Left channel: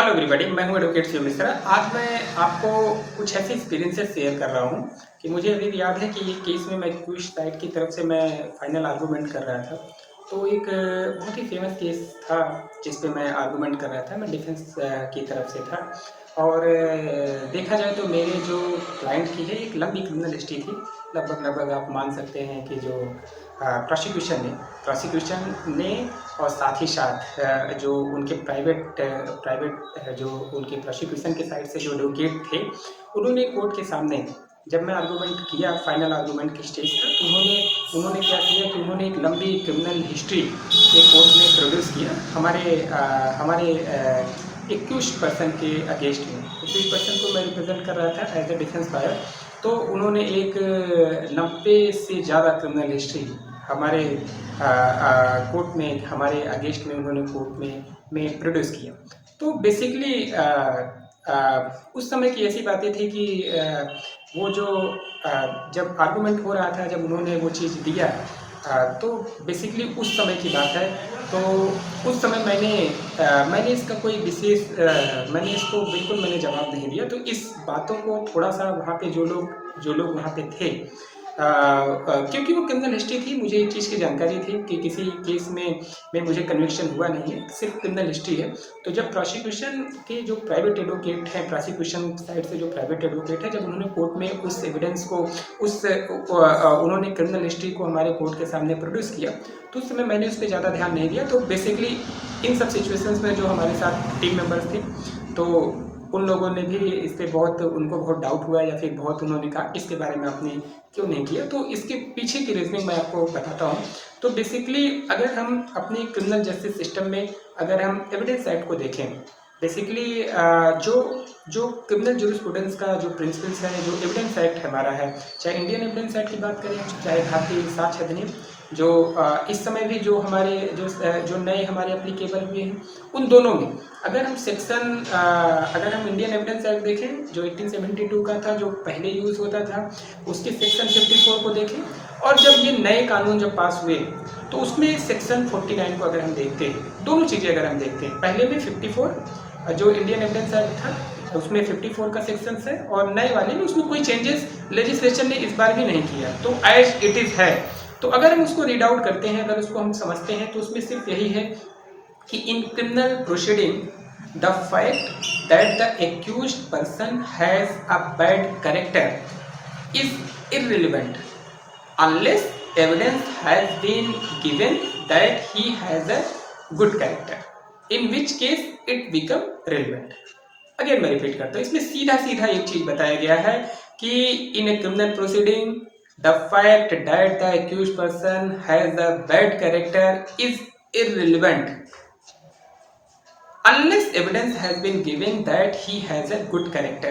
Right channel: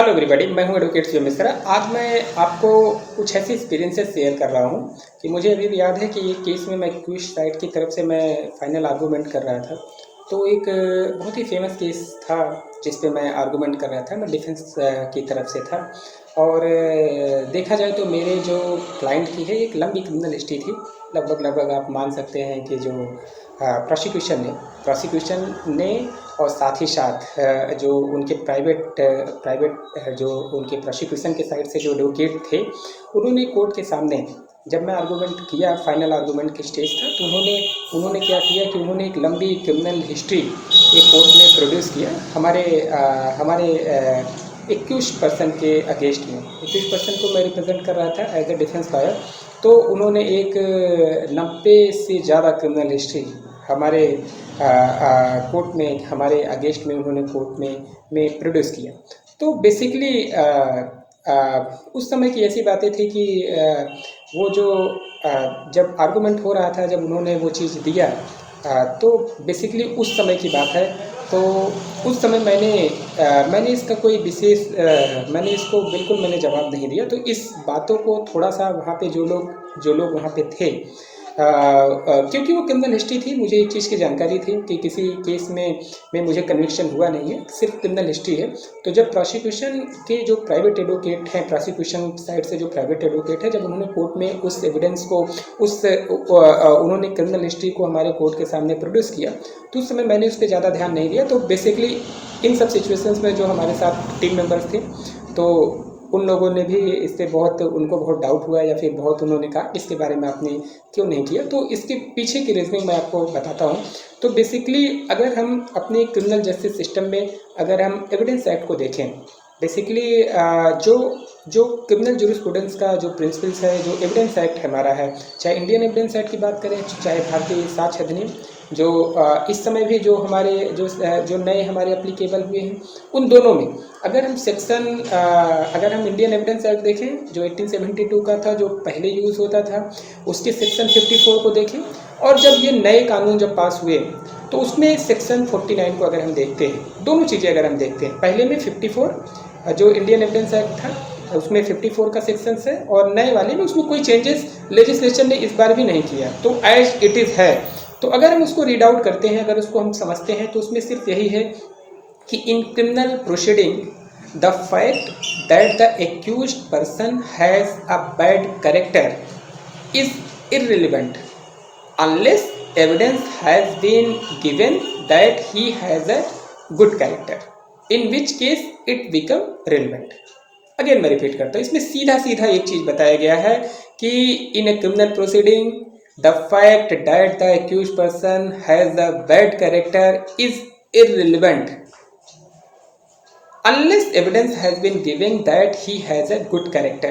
Hello everybody, मैं हूं advocate Shiv Mishra. आज मैं आपको कुछ ऐसे एक्सपीरियंसेस शेयर कर रहा हूं कि मुझे अभी भी याद है कि ये केस में मैं क्विश साइड की तरफ से मैं फाइनल आर्गूमेंट कर रहा था। तो एक बहुत ही फेमस केस था जिस पे मैं आर्गूमेंट कर रहा था। मैं डिफेंस की तरफ से था और देखा जाए तो मेरे जो क्लाइंट की है एक लंबी क्रिमिनल हिस्ट्री थी। लगभग आप मान सकते हैं कि जो प्रोसिक्यूशन ने और साथ ही साथ जो उनके प्राइवेट जो उनके प्रोसिक्यूशन के साइड से जो एडवोकेट थे, उन्होंने कोर्ट के सामने जब मैं आर्गूमेंट किया, फाइनल आर्गूमेंट की स्टेज था, तो उन्होंने क्या किया कि उन्होंने एक लंबी क्रिमिनल हिस्ट्री एक कोर्ट में प्रोड्यूस किया हमारे एक्यूज पर्सन के अगेंस्ट में। एक्यूज पर्सन को मैं रिप्रेजेंट कर रहा था एज ए डिफेंस लॉयर। तो उन्होंने एक 90 से ज़्यादा क्रिमिनल हिस्ट्री हमारे कोर्ट में, हमारे अगेंस्ट में उन्होंने कोर्ट में प्रोड्यूस किया। तो बेसिकली उस समय की ऐसी बातें थी कि वो जो जब आर्गूमेंट हो रहा था, जब उन्होंने वो चीज़ दिया, तो बेसिकली उस समय की बात है। तो उस समय मैंने इसका कोई विशेष मैंने इसको बिल्कुल मैंने जवाब नहीं दिया। तो इस बातों को थोड़ा-सा वहाँ पे जो लोग वहाँ पे थे, क्योंकि वो क्रिमिनल हिस्ट्री थी, मुझे एक चीज़ की जानकारी थी कि किसी केस में मुझे कन्विक्शन हुआ नहीं है, सिर्फ क्रिमिनल हिस्ट्री है। तो जब प्रोसिक्यूशन के जो प्राइवेट एडवोकेट हैं, प्रोसिक्यूशन साइड से जो प्राइवेट एडवोकेट है, जब उन्होंने कोर्ट में उस एविडेंस को उन्होंने क्रिमिनल हिस्ट्री को हमारे कोर्ट के सामने प्रोड्यूस किया, तो उस समय मैंने उस पर ज़्यादा ध्यान नहीं दिया। तो बेसिकली इन सब सिचुएशंस में जो हमारे साथ टीम मेंबर्स थे, तो उन लोगों ने भी इस पर उनको बहुत डाउट हुआ, या फिर बहुत उन्होंने कहा इसके बारे में आपने क्यों नहीं किया। तो इसके पीछे की रीजनिंग मैं आपको बताता हूँ। तो बेसिकली अगर हम अपने क्रिमिनल जस्टिस सिस्टम में अगर हम एविडेंस एक्ट को देखें, बेसिकली जो क्रिमिनल जूरिस्प्रूडेंस का जो प्रिंसिपल्स है, जो एविडेंस एक्ट हमारा है, चाहे इंडियन एविडेंस एक्ट की बात करें, चाहे भारतीय साक्ष्य अधिनियम, जो इस समय भी जो हमारे जो नए हमारे एप्लीकेबल हुए हैं, उन दोनों में अगर हम इंडियन एविडेंस एक्ट देखें जो 1872 का था, जो पहले यूज़ होता था, उसके सेक्शन 54 को देखें, और जब ये नए कानून जब पास हुए तो उसमें सेक्शन 49 को अगर हम देखते हैं, दोनों चीज़ें अगर हम देखते हैं, पहले में 54 जो इंडियन एविडेंस एक्ट था उसमें 54 का सेक्शन है, और नए वाले में उसमें कोई चेंजेस लेजिस्लेचर ने इस बार भी नहीं किया, तो एज इट इज़ है। तो अगर हम उसको रीड आउट करते हैं, अगर उसको हम समझते हैं, तो उसमें सिर्फ यही है कि in criminal proceeding the fact that the accused person has a bad character is irrelevant unless evidence has been given that he has a good character, in which case it become relevant। Again मैं repeat करता हूँ, इसमें सीधा सीधा एक चीज बताया गया है कि in a criminal proceeding the fact that the accused person has a bad character is irrelevant unless evidence has been given that he has a good character।